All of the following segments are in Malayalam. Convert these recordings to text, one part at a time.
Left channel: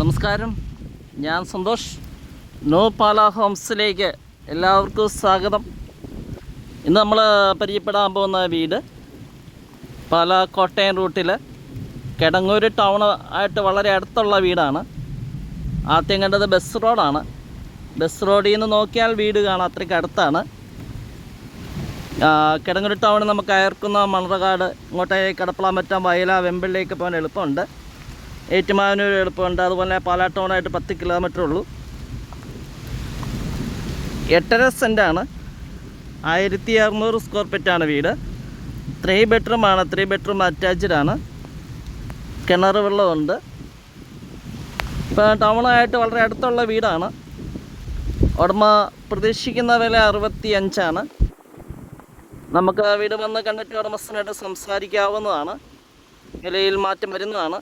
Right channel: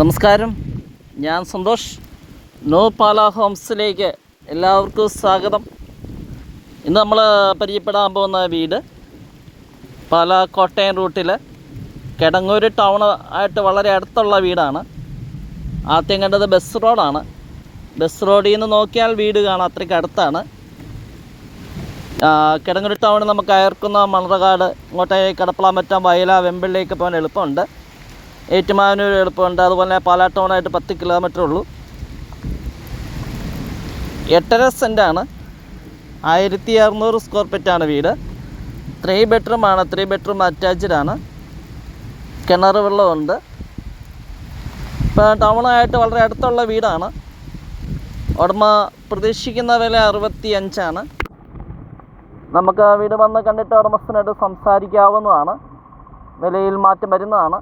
നമസ്കാരം, ഞാൻ സന്തോഷ്. നോ പാല ഹോംസിലേക്ക് എല്ലാവർക്കും സ്വാഗതം. ഇന്ന് നമ്മൾ പരിചയപ്പെടാൻ പോകുന്ന വീട് പാല കോട്ടയം റൂട്ടിൽ കിടങ്ങൂർ ടൗൺ ആയിട്ട് വളരെ അടുത്തുള്ള വീടാണ്. ആദ്യം കണ്ടത് ബസ് റോഡാണ്. ബസ് റോഡിൽ നിന്ന് നോക്കിയാൽ വീട് കാണാം, അത്രയ്ക്ക് അടുത്താണ്. കിടങ്ങൂർ ടൗണിൽ നമുക്ക് അയർക്കുന്ന മണർകാട്, ഇങ്ങോട്ടേക്ക് കടപ്പളാമറ്റം, വയല, വെമ്പിളിലേക്ക് പോകാൻ എളുപ്പമുണ്ട്. ഏറ്റുമാനൂർ എളുപ്പമുണ്ട്. അതുപോലെ പാലാ ടൗണായിട്ട് 10 കിലോമീറ്റർ ഉള്ളൂ. 8.5 സെൻറ്റാണ്. 1600 സ്ക്വയർ ഫീറ്റാണ് വീട്. 3 ബെഡ്റൂമാണ്. 3 ബെഡ്റൂം അറ്റാച്ച്ഡ് ആണ്. കിണർ വെള്ളമുണ്ട്. ഇപ്പോൾ ടൗണായിട്ട് വളരെ അടുത്തുള്ള വീടാണ്. ഉടമ പ്രതീക്ഷിക്കുന്ന വില 65 നമുക്ക് വീട് വന്ന് കണ്ടിട്ട് ഉടമസ്ഥനായിട്ട് സംസാരിക്കാവുന്നതാണ്. വിലയിൽ മാറ്റം വരുന്നതാണ്.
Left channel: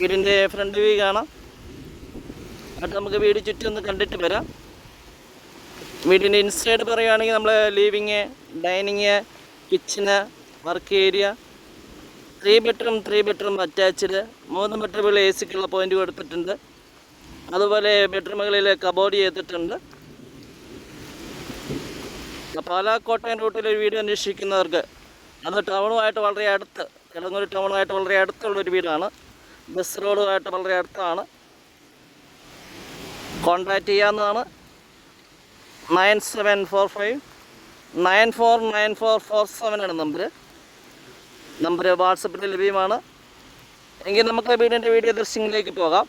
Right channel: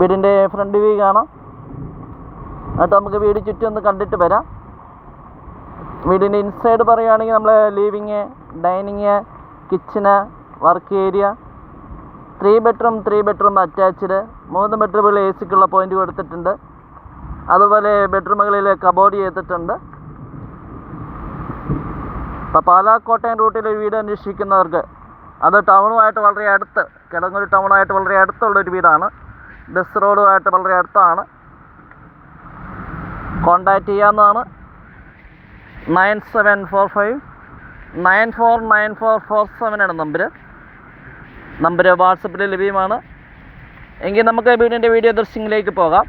വീടിൻ്റെ ഫ്രണ്ട് വ്യൂ കാണാം. എന്നിട്ട് നമുക്ക് വീട് ചുറ്റും ഒന്ന് കണ്ടിട്ട് വരാം. വീടിൻ്റെ ഇൻസൈഡ് പറയുകയാണെങ്കിൽ നമ്മൾ living, dining, kitchen, work area, 3 bedroom attached. 3 ബെഡ്റൂമുകളിൽ AC point കൊടുത്തിട്ടുണ്ട്. അതുപോലെ ബെഡ്റൂമുകളിൽ കബോർഡ് ചെയ്തിട്ടുണ്ട്. പാലാ കോട്ടയം റൂട്ടിൽ ഒരു വീട് അന്വേഷിക്കുന്നവർക്ക്, അത് ടൗണുമായിട്ട് വളരെ അടുത്ത്, കിടങ്ങൂർ ടൗണുമായിട്ട് വളരെ അടുത്തുള്ളൊരു വീടാണ്. ബസ് റോഡുമായിട്ട് വളരെ അടുത്താണ്. കോൺടാക്റ്റ് ചെയ്യാവുന്നതാണ്. 9745 949447 നമ്പർ വാട്സപ്പിൽ ലഭ്യമാണ്. എങ്കിൽ നമുക്ക് വീടിൻ്റെ വീഡിയോ ദൃശ്യങ്ങളിലേക്ക് പോകാം.